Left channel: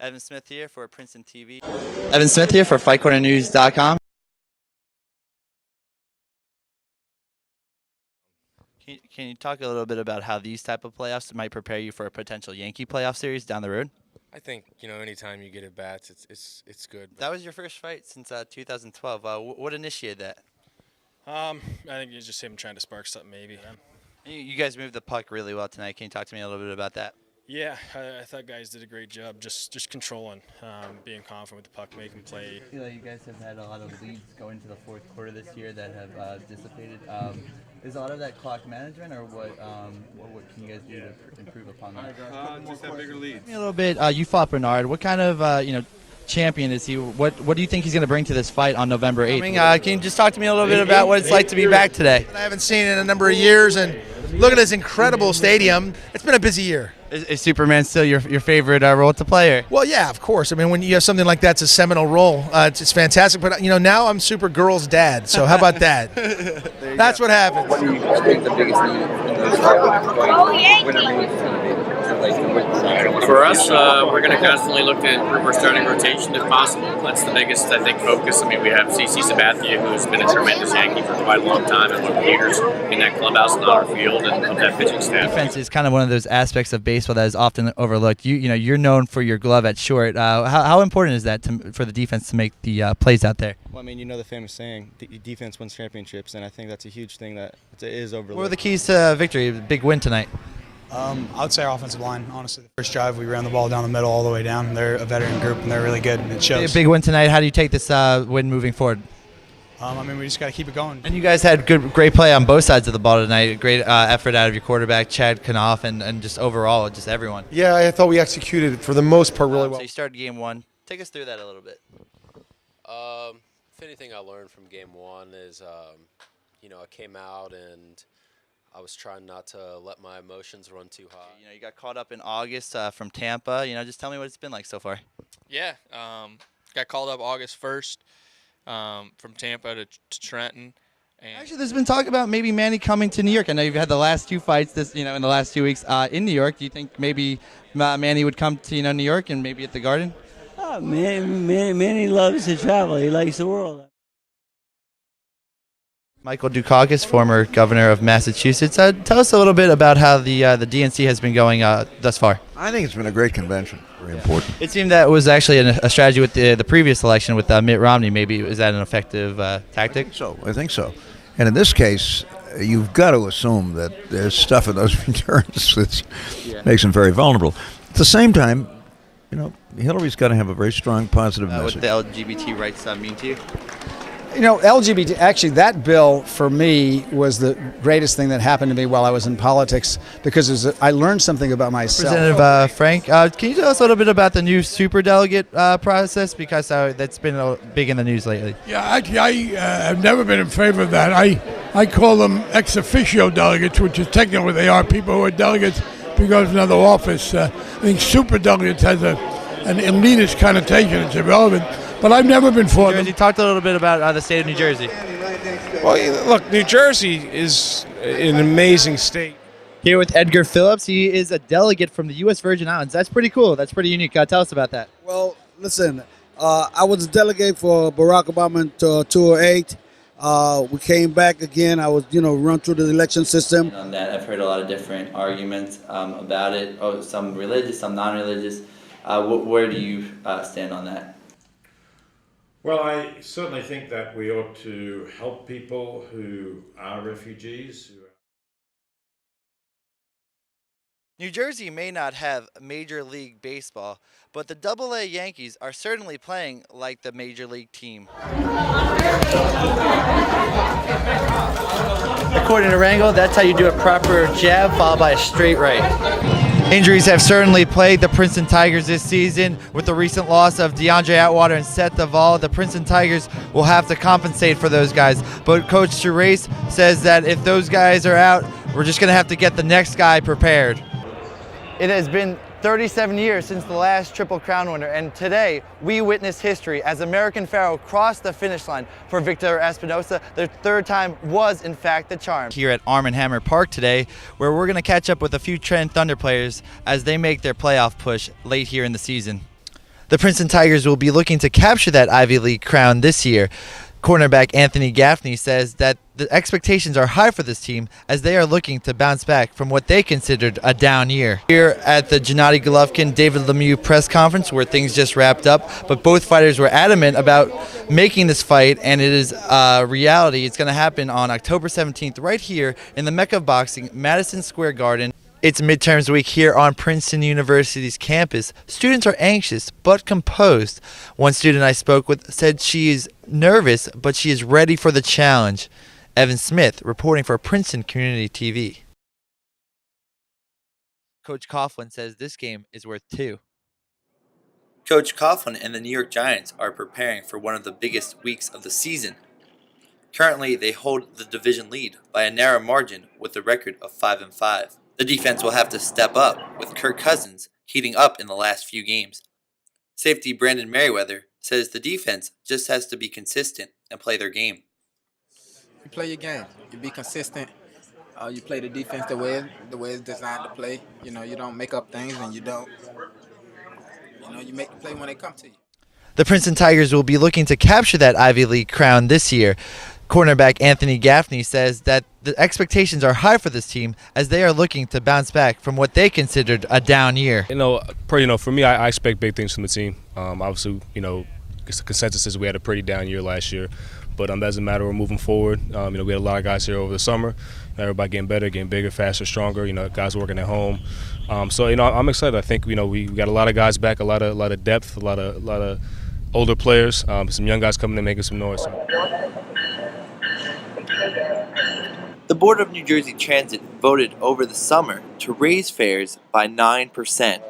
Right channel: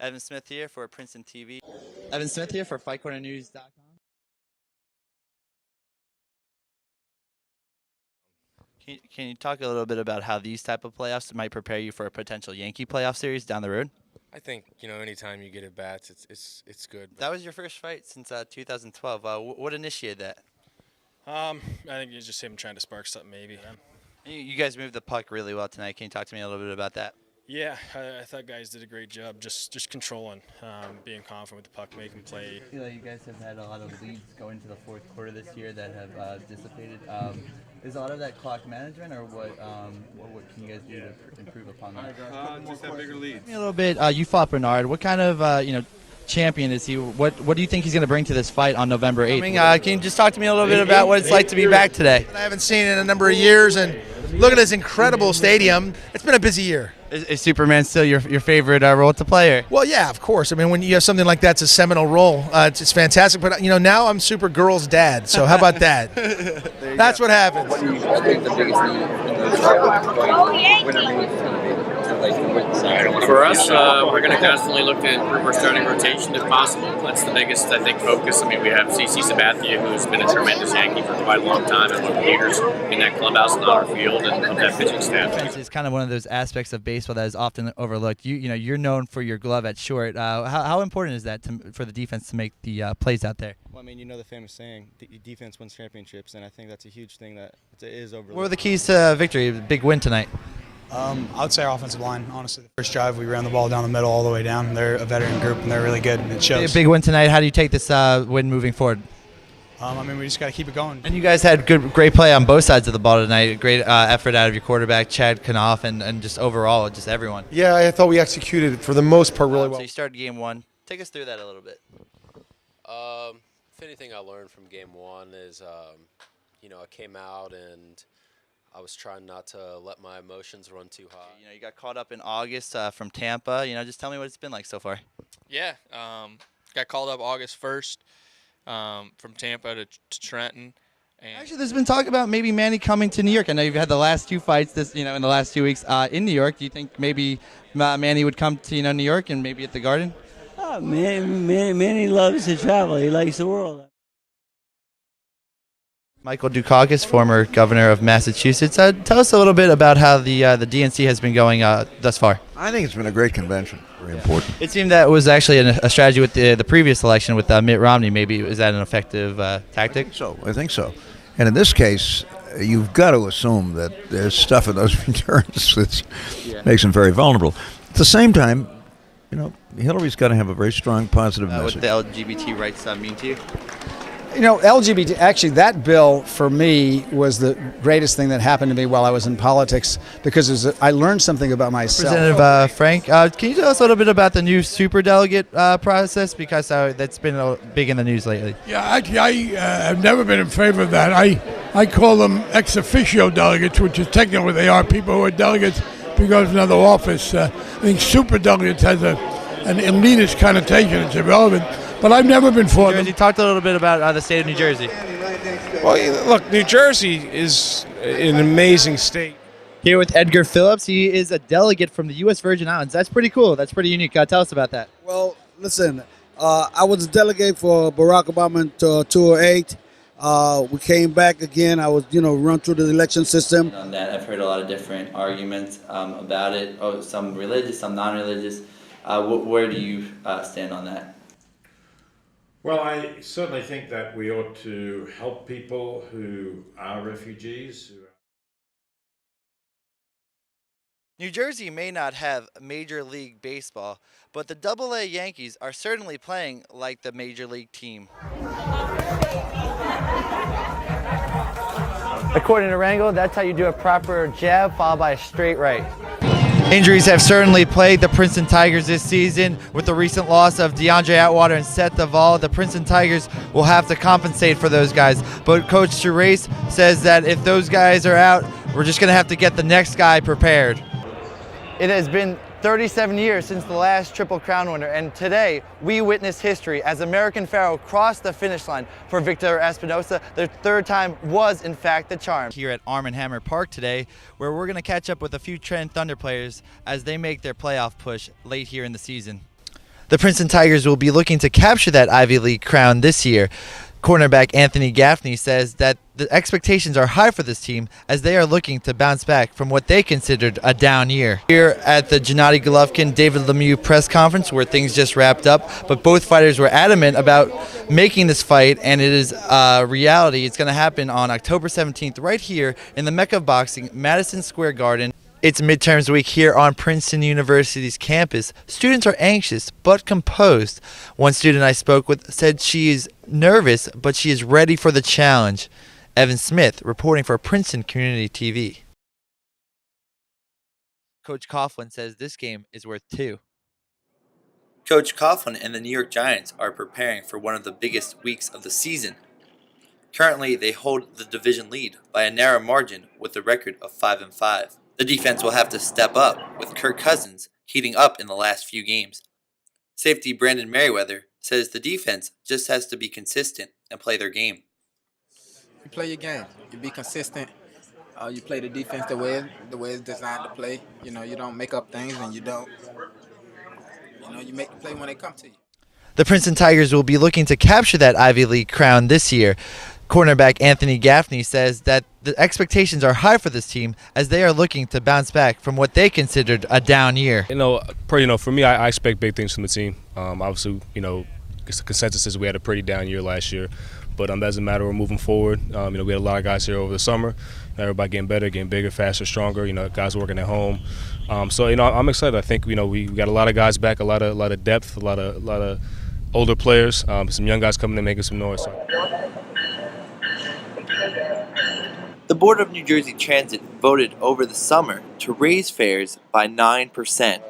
Evan Smith here for Princeton TV. Evan Smith here for FightCornerNews.com. Can you talk a little bit about how these type of playoffs might prepare you for a potential Yankee playoff series down the road? I think anytime you get at bats, it's good. That was your first fight since 2012. What initiated that? I think it's just him trying to spark something, maybe. You guys moved the puck really well tonight. Can you talk to me a little bit about that? Yeah, I thought guys did a great job just controlling, being confident with the puck, making play. I feel like you guys have had a lot of leads go into the fourth quarter this year that have dissipated. Is a lot of that clock management, or what can you guys do to improve upon that? Just have bigger leads. Tell me a little bit. You fought Bernard. What kind of champion is he? What do you think he's going to bring to this fight on November 8th? Can you just talk to me a little bit about what it's like to be back today? I haven't seen it in a number of years, and look at this incredible stadium. It's been a busy year. Is Superman still your favorite role to play? Or? Well, yeah, of course. I mean, when you have something like that's a seminal role, it's fantastic. But now I'm Supergirl's dad. So how about that? That's what happens. What do you think the biggest need For us, we're going to constantly look at our starting rotation if possible. That's the biggest, I think, focus. I mean, we have CC Sabathia, who's been a tremendous Yankee for quite a long time, and one leaders in that clubhouse and on our field and of that pitching staff. Defense is kind of one of those aspects of baseball that is often overlooked. You're known for your glove at short. How important is that for the defense to make the plays out there? Well, I mean, the famous saying, defense wins championships, and I think that's a huge thing that is overlooked. What were the keys to victory? Big win tonight. I would say our offensive line, honestly. The first drive, we ran the ball down the middle all the way down. They're a veteran group, and they're really good, and it shows. Big win tonight. How do you take this win moving forward? I mean, we just got to keep it going. And you guys had great play on both sides of the ball tonight. Great effort out of your quarterback, Chad Knopf, and just overall, just everyone. Yeah, I thought we executed for the most part really well. So you started game one. Take us through that a little bit. If anything I learned from game one is, I came out and I was trying not to let my emotions run too high. You got caught up in August from Tampa. Just tell me what it's been like so far. Yeah, got called up August 1st from Tampa to Trenton. And actually, there's been talk about maybe Manny coming to New York. I know you've had the last two fights in the last 2 weeks in New York. Do you think maybe Manny would come to New York and maybe at the Garden? Oh, Manny loves to travel. He likes the world. Michael Dukakis, former governor of Massachusetts. Tell us a little bit about how the DNC has been going thus far. I think it's been a great convention. Very important. It seemed that was actually a strategy with the previous election with Mitt Romney. Maybe is that an effective tactic? I think so. And in this case, you've got to assume that there's stuff in those returns that makes them very vulnerable. At the same time, Hillary's got to have a very strong positive message. What the LGBT rights mean to you? LGBT, actually, that bill for me was the greatest thing that happened to me while I was in politics because I learned something about myself. Representative Frank, can you tell us a little bit about the new superdelegate process? Because that's been big in the news lately. Yeah, actually, I have never been in favor of that. I call them ex officio delegates, which is technically what they are, people who are delegates because of another office. I think superdelegates has an elitist connotation. It's irrelevant. But I've never been for them. You talked a little bit about the state of New Jersey. Well, look, New Jersey is an amazing state. Here with Edgar Phillips. He is a delegate from the U.S. Virgin Islands. That's pretty cool. That's pretty unique. Tell us about that. Well, listen, I was a delegate for Barack Obama in 2008. We came back again. I was, run through the election system. On that, I've heard a lot of different arguments about it. Some religious, some non-religious. Where do you stand on that? Well, I certainly think that we ought to help people who are refugees. New Jersey may not have Major League Baseball, but the Double-A Yankees are certainly playing like the Major League team. According to Rangel, that's how you do a proper jab followed by a straight right. Injuries have certainly plagued the Princeton Tigers this season. With the recent loss of DeAndre Atwater and Seth Duvall, the Princeton Tigers will have to compensate for those guys. But Coach Gerace says that if those guys are out, we're just going to have to get the next guy prepared. It has been 37 years since the last Triple Crown winner, and today we witness history as American Pharoah crossed the finish line for Victor Espinosa. Their third time was, in fact, the charm. Here at Arm & Hammer Park today, where we're going to catch up with a few Trenton Thunder players as they make their playoff push late here in the season. The Princeton Tigers will be looking to capture that Ivy League crown this year. Cornerback Anthony Gaffney says that the expectations are high for this team as they are looking to bounce back from what they considered a down year. Here at the Gennady Golovkin David Lemieux press conference where things just wrapped up, but both fighters were adamant about making this fight, and it is a reality. It's going to happen on October 17th right here in the Mecca of Boxing, Madison Square Garden. It's midterms week here on Princeton University's campus. Students are anxious but composed. One student I spoke with said she is nervous, but she is ready for the challenge. Evan Smith reporting for Princeton Community TV. Coach Coughlin says this game is worth 2. Coach Coughlin and the New York Giants are preparing for one of the biggest weeks of the season. Currently, they hold the division lead by a narrow margin with a record of 5-5. The defense will have to step up, with Kirk Cousins heating up in the last few games. Safety Brandon Merriweather says the defense just has to be consistent and play their game. You play your game. You be consistent. You play the defense the way it's designed to play. You know, you don't make up things, and you don't. You know, you make the play when they come to you. The Princeton Tigers will be looking to capture that Ivy League crown this year. Cornerback Anthony Gaffney says that the expectations are high for this team as they are looking to bounce back from what they considered a down year. For me, I expect big things from the team. Obviously, the consensus is we had a pretty down year last year, but that doesn't matter. We're moving forward. We had a lot of guys here over the summer. Everybody getting better, getting bigger, faster, stronger. Guys working at home. I'm excited. I think we got a lot of guys back, a lot of depth, a lot of older players, some young guys coming in making some noise. The Board of New Jersey Transit voted over the summer to raise fares by 9%,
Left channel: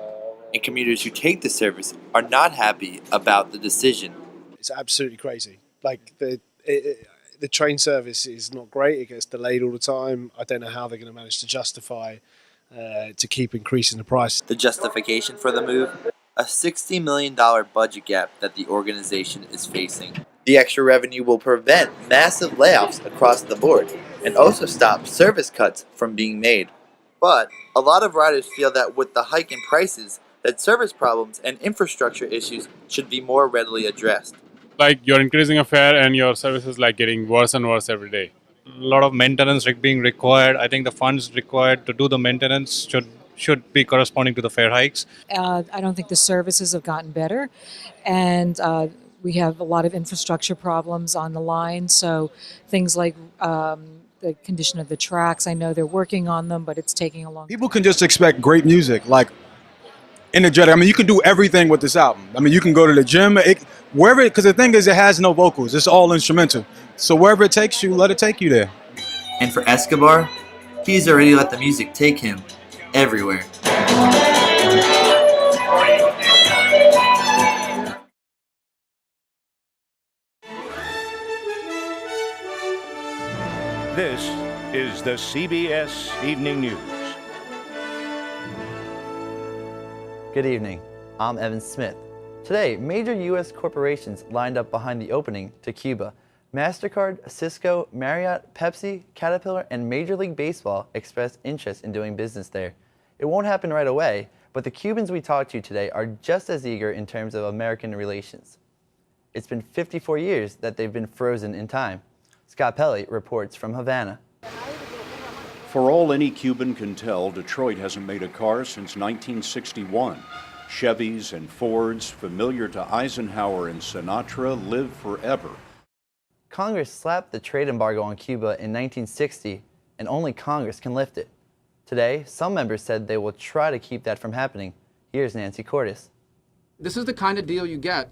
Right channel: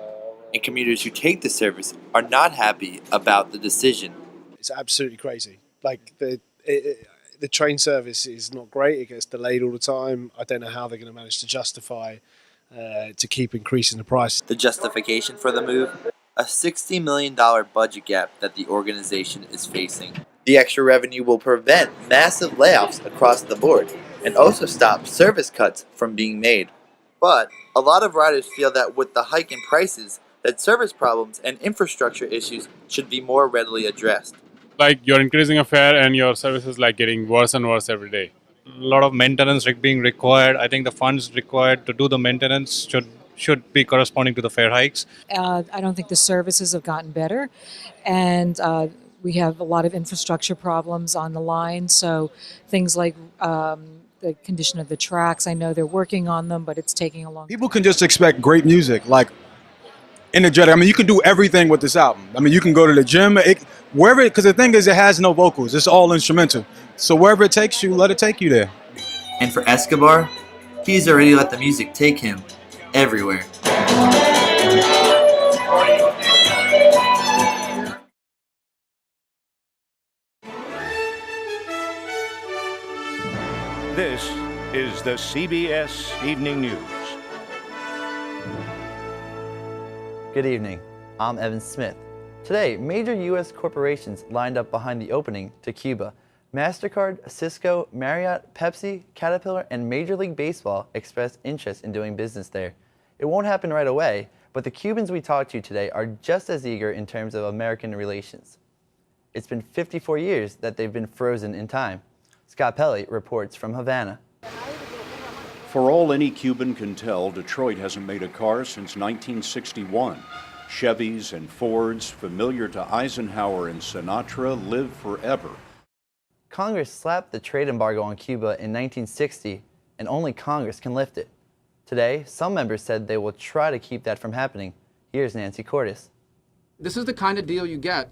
and commuters who take the service are not happy about the decision. It's absolutely crazy. Like the train service is not great. It gets delayed all the time. I don't know how they're going to manage to justify to keep increasing the price. The justification for the move? A $60 million budget gap that the organization is facing. The extra revenue will prevent massive layoffs across the board and also stop service cuts from being made. But a lot of riders feel that with the hike in prices, that service problems and infrastructure issues should be more readily addressed. Like you're increasing a fare and your service is like getting worse and worse every day. A lot of maintenance being required. I think the funds required to do the maintenance should be corresponding to the fare hikes. I don't think the services have gotten better, and we have a lot of infrastructure problems on the line. So things like the condition of the tracks, I know they're working on them, but it's taking a long time. People can just expect great music, like energetic. I mean, you can do everything with this album. I mean, you can go to the gym, wherever, because the thing is, it has no vocals. It's all instrumental. So wherever it takes you, let it take you there. And for Escobar, he's already let the music take him everywhere. This is the CBS Evening News. Good evening. I'm Evan Smith. Today, major U.S. corporations lined up behind the opening to Cuba. MasterCard, Cisco, Marriott, Pepsi, Caterpillar, and Major League Baseball expressed interest in doing business there. It won't happen right away, but the Cubans we talked to today are just as eager in terms of American relations. It's been 54 years that they've been frozen in time. Scott Pelley reports from Havana. For all any Cuban can tell, Detroit hasn't made a car since 1961. Chevys and Fords, familiar to Eisenhower and Sinatra, live forever. Congress slapped the trade embargo on Cuba in 1960, and only Congress can lift it. Today, some members said they will try to keep that from happening. Here's Nancy Cordes. This is the kind of deal you get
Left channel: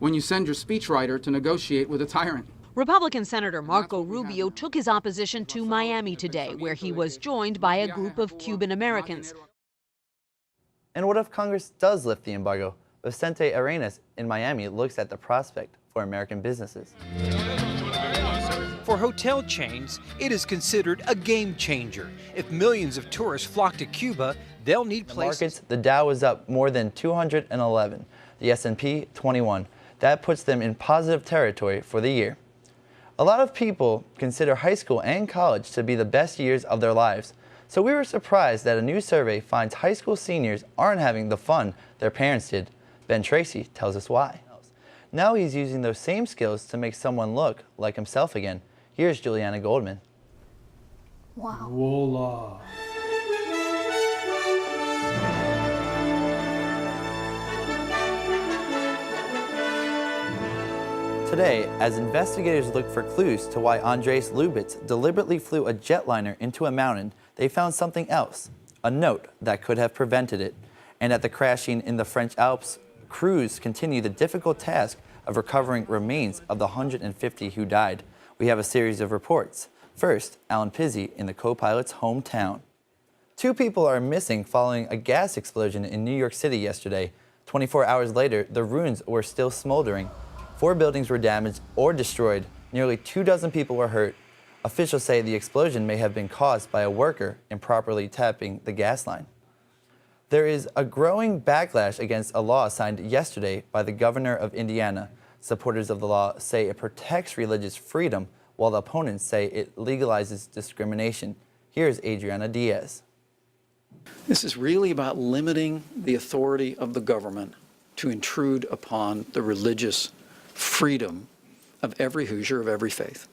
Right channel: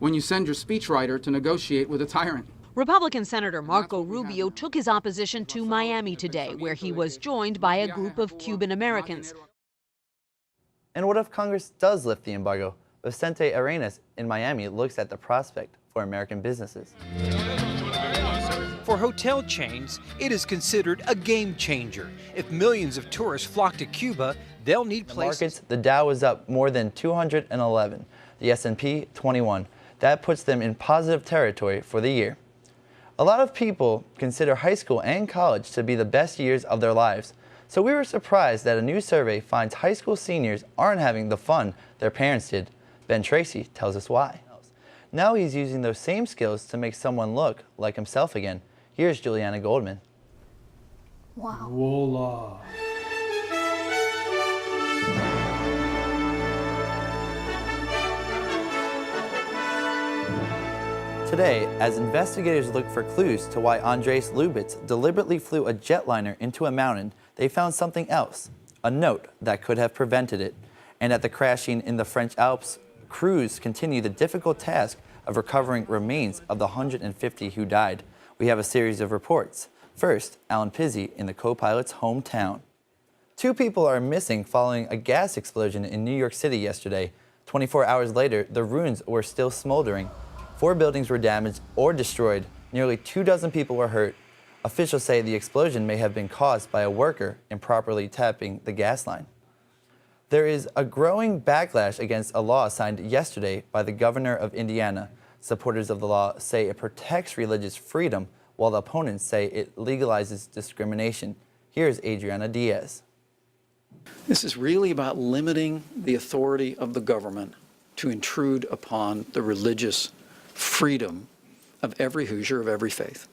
when you send your speechwriter to negotiate with a tyrant. Republican Senator Marco Rubio took his opposition to Miami today, where he was joined by a group of Cuban Americans. And what if Congress does lift the embargo? Vicente Arenas in Miami looks at the prospect for American businesses. For hotel chains, it is considered a game changer. If millions of tourists flock to Cuba, they'll need places. Markets, the Dow was up more than 211, the S&P 21. That puts them in positive territory for the year. A lot of people consider high school and college to be the best years of their lives. So we were surprised that a new survey finds high school seniors aren't having the fun their parents did. Ben Tracy tells us why. Now he's using those same skills to make someone look like himself again. Here's Juliana Goldman. Wow. Voila. Today, as investigators look for clues to why Andres Lubitz deliberately flew a jetliner into a mountain, they found something else, a note that could have prevented it. And at the crashing in the French Alps, crews continue the difficult task of recovering remains of the 150 who died. We have a series of reports. First, Alan Pizzi in the co-pilot's hometown. 2 people are missing following a gas explosion in New York City yesterday. 24 hours later, the ruins were still smoldering. 4 buildings were damaged or destroyed. Nearly 24 people were hurt. Officials say the explosion may have been caused by a worker improperly tapping the gas line. There is a growing backlash against a law signed yesterday by the governor of Indiana. Supporters of the law say it protects religious freedom, while the opponents say it legalizes discrimination. Here's Adriana Diaz. This is really about limiting the authority of the government to intrude upon the religious freedom of every Hoosier of every faith.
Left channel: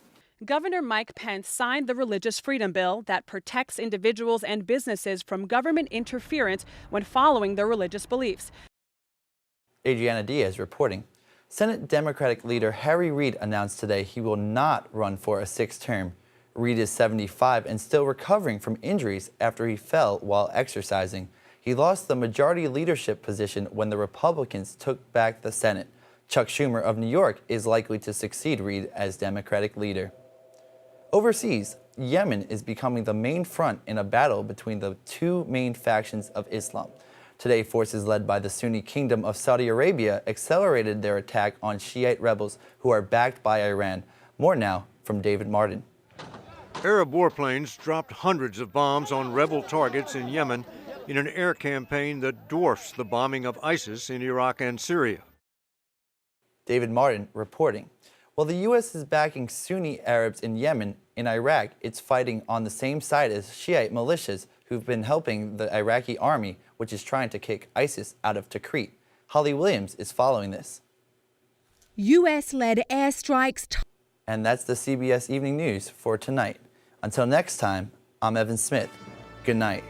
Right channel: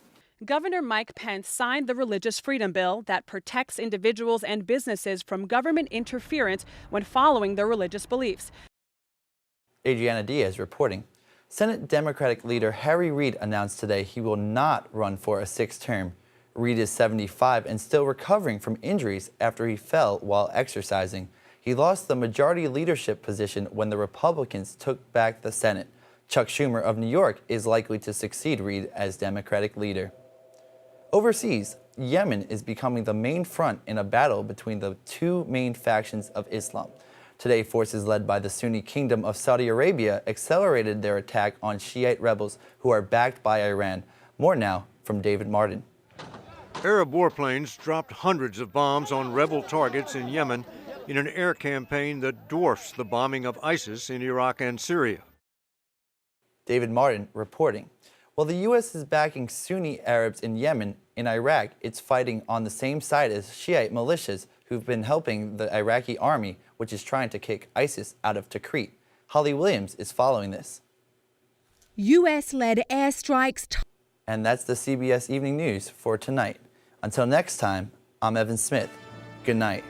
Governor Mike Pence signed the Religious Freedom Bill that protects individuals and businesses from government interference when following their religious beliefs. Adriana Diaz reporting. Senate Democratic leader Harry Reid announced today he will not run for a 6th term. Reid is 75 and still recovering from injuries after he fell while exercising. He lost the majority leadership position when the Republicans took back the Senate. Chuck Schumer of New York is likely to succeed Reid as Democratic leader. Overseas, Yemen is becoming the main front in a battle between the 2 main factions of Islam. Today, forces led by the Sunni Kingdom of Saudi Arabia accelerated their attack on Shiite rebels who are backed by Iran. More now from David Martin. Arab warplanes dropped hundreds of bombs on rebel targets in Yemen in an air campaign that dwarfs the bombing of ISIS in Iraq and Syria. David Martin reporting. While the U.S. is backing Sunni Arabs in Yemen, in Iraq, it's fighting on the same side as Shiite militias who've been helping the Iraqi army, which is trying to kick ISIS out of Tikrit. Holly Williams is following this. U.S.-led airstrikes. And that's the CBS Evening News for tonight. Until next time, I'm Evan Smith. Good night.